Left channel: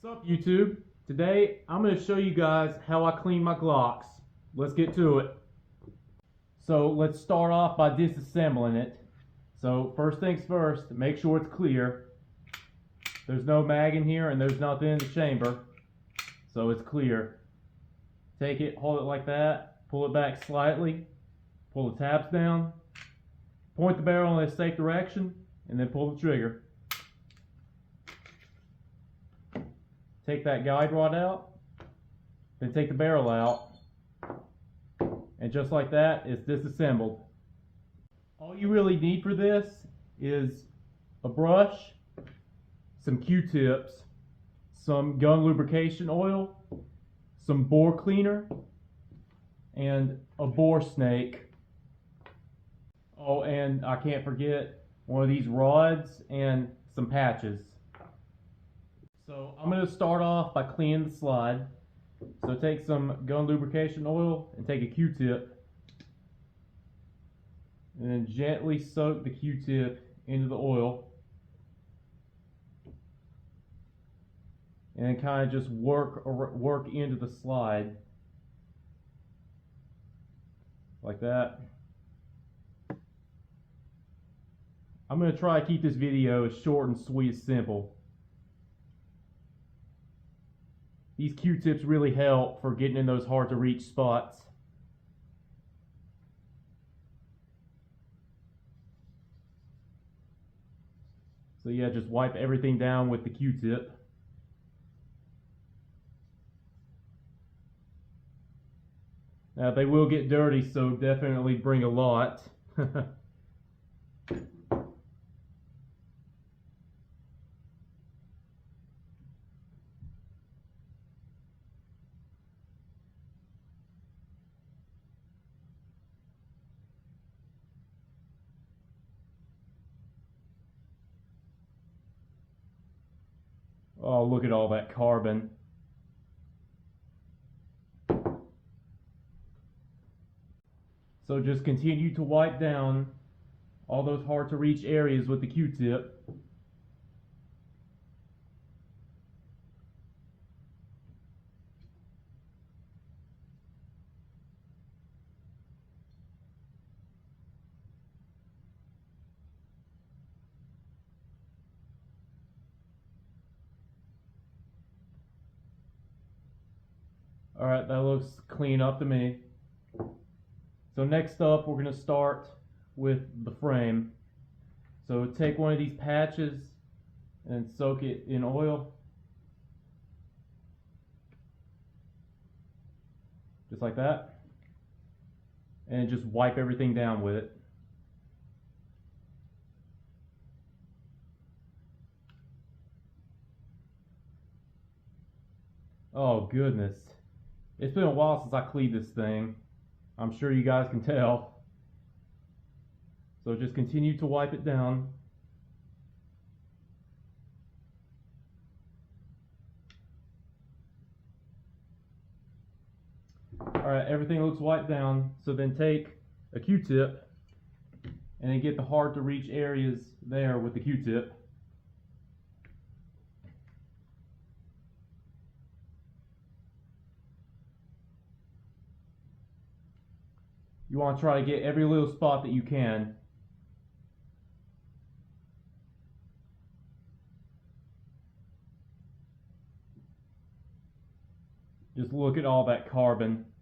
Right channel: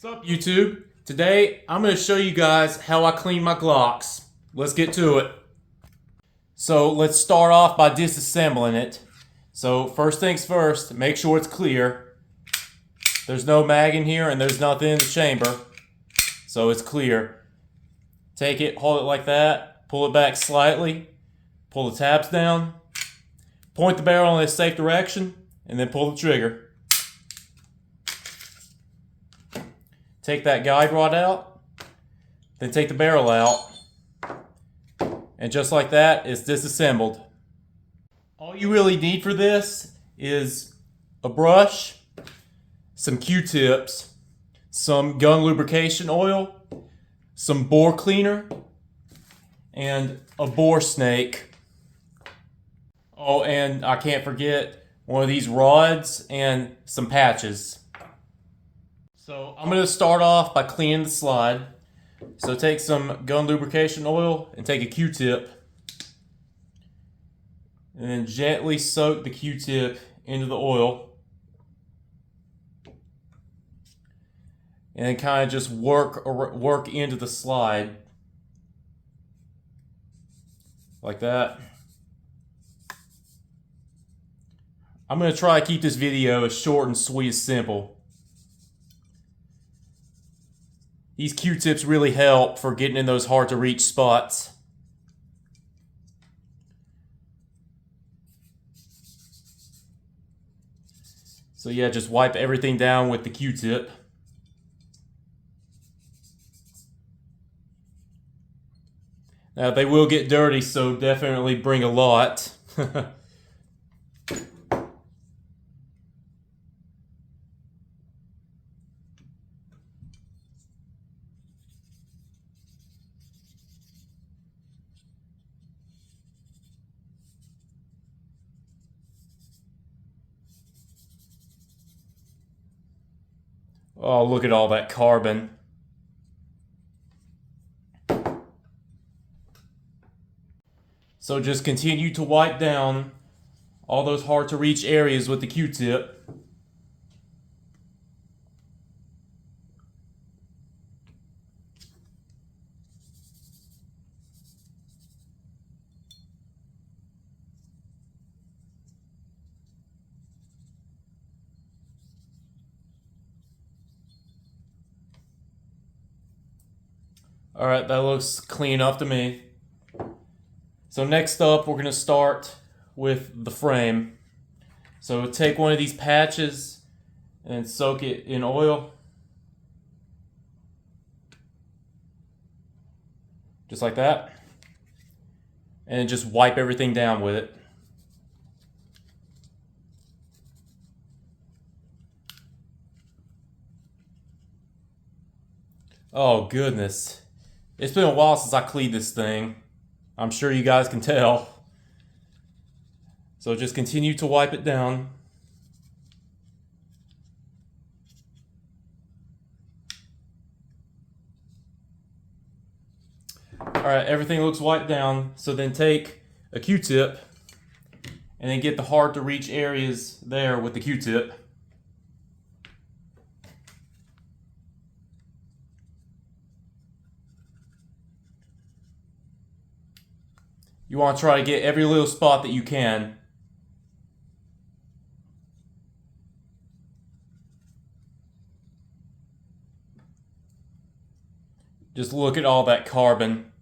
What's up, YouTube? Today I'm going to show you guys how I clean my Glocks. Let's get to it. So let's start off by disassembling it. So first things first, make sure it's clear. There's no mag in here and there's nothing in the chamber, so it's clear. Take it, hold it like that, pull it back slightly, pull the tabs down, point the barrel in a safe direction, and then pull the trigger. Take that guide rod out, then take the barrel out, and just like that, it's disassembled. All you really need for this is a brush, some Q-tips, some gun lubrication oil, some bore cleaner, and a bore snake. Oh, and I can't forget one of these rods and some patches. So I'm going to start off by cleaning the slide. So take some gun lubrication oil and take a Q-tip. And then gently soak the Q-tip into the oil. And then kind of just work into the slide. Like that. I'm going to try to keep this video as short and sweet as simple. These Q-tips really help for getting in those hard to reach spots. So yeah, just wipe everything down with the Q-tip. Now they will get dirty, so definitely bring a lot. Oh, look at all that carbon. So just continue to wipe down all those hard to reach areas with the Q-tip. Alright, that looks clean up to me. So next up, we're going to start with the frame. So take one of these patches and soak it in oil. Just like that. And just wipe everything down with it. Oh goodness. It's been a while since I cleaned this thing. I'm sure you guys can tell. So just continue to wipe it down. Alright, everything looks wiped down. So then take a Q-tip and then get the hard to reach areas there with the Q-tip. You want to try to get every little spot that you can. Just look at all that carbon.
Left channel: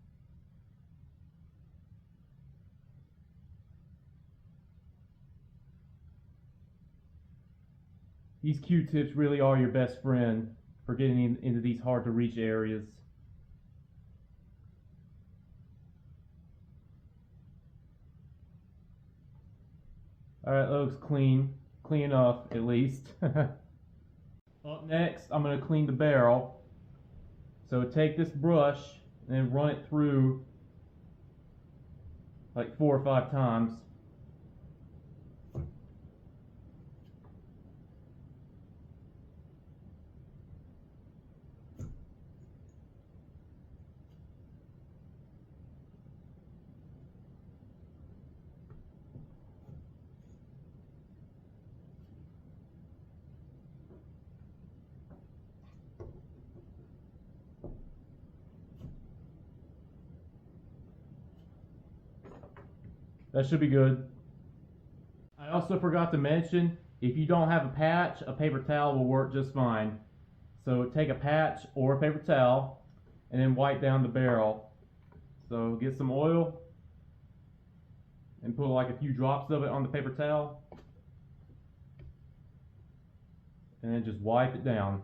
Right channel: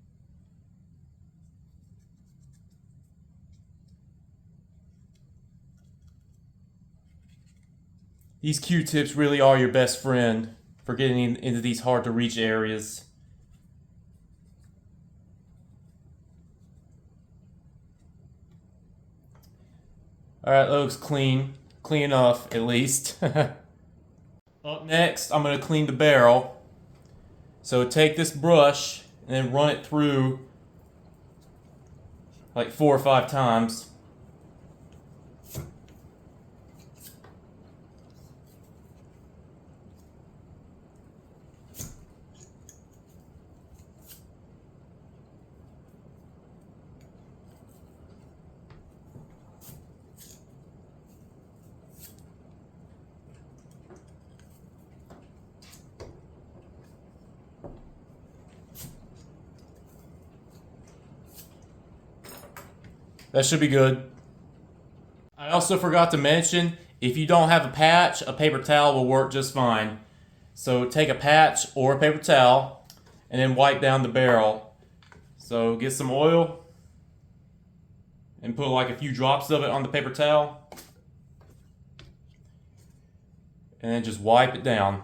These Q-tips really are your best friend for getting into these hard to reach areas. Alright, that looks clean. Clean enough, at least. Up next, I'm going to clean the barrel. So take this brush and then run it through like 4 or 5 times. That should be good. I also forgot to mention, if you don't have a patch, a paper towel will work just fine. So take a patch or a paper towel and then wipe down the barrel. So get some oil and put like a few drops of it on the paper towel. And then just wipe it down.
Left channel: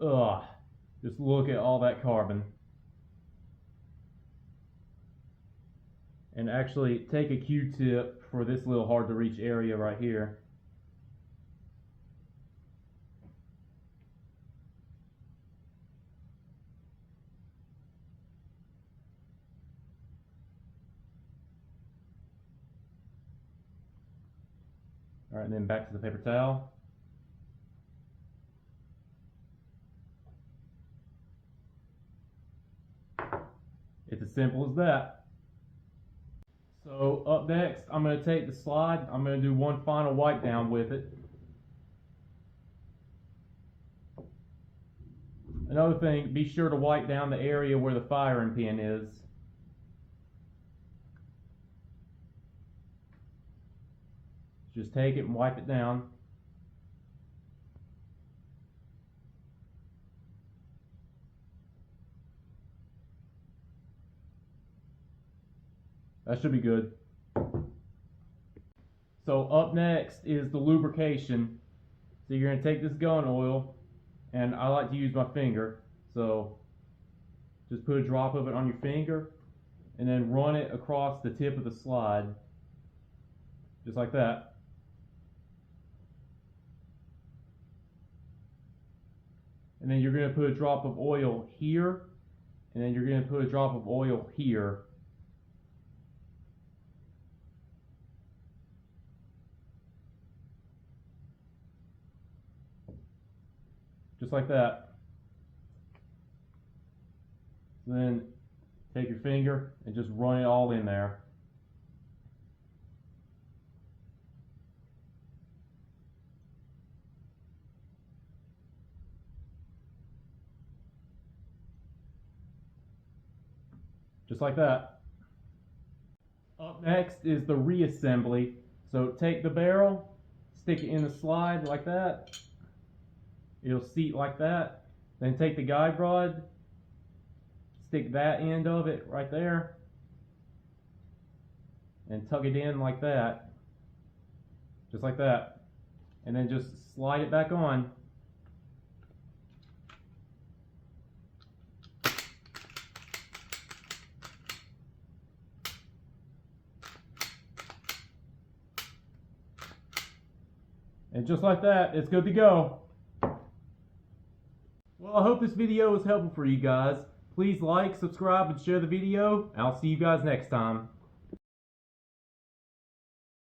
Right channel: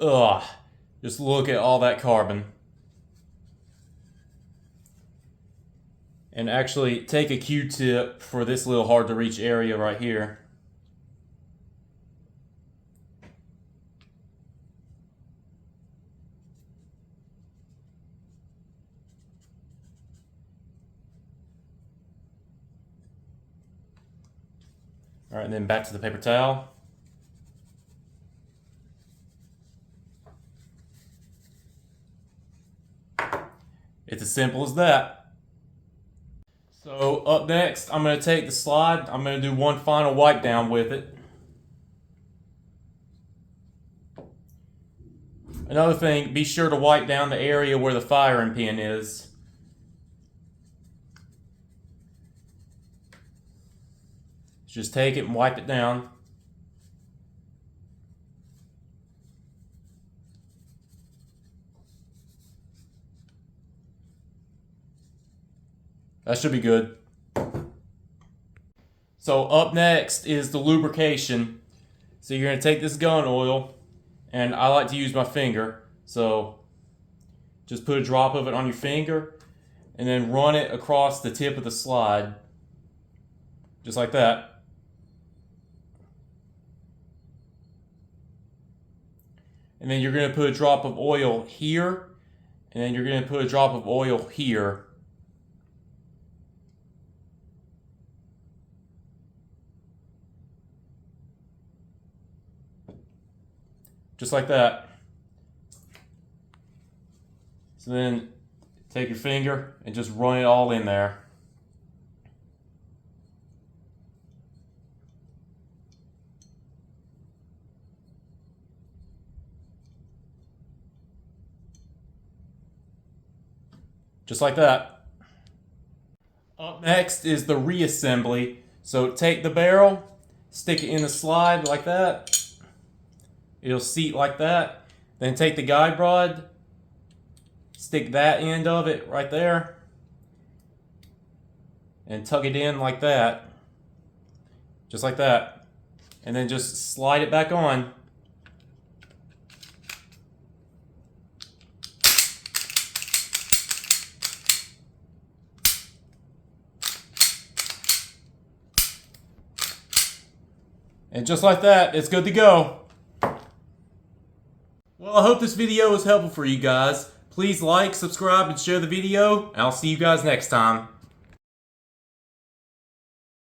Ugh, just look at all that carbon. And actually take a Q-tip for this little hard to reach area right here. All right, and then back to the paper towel. It's as simple as that. So up next, I'm going to take the slide. I'm going to do one final wipe down with it. Another thing, be sure to wipe down the area where the firing pin is. Just take it and wipe it down. That should be good. So up next is the lubrication. So you're going to take this gun oil, and I like to use my finger. So just put a drop of it on your finger and then run it across the tip of the slide. Just like that. And then you're going to put a drop of oil here, and then you're going to put a drop of oil here. Just like that. So then take your finger and just run it all in there. Just like that. Up next is the reassembly. So take the barrel, stick it in the slide like that. It'll seat like that. Then take the guide rod, stick that end of it right there, and tug it in like that. Just like that. And then just slide it back on. And just like that, it's good to go. Well, I hope this video was helpful for you guys. Please like, subscribe, and share the video, and I'll see you guys next time.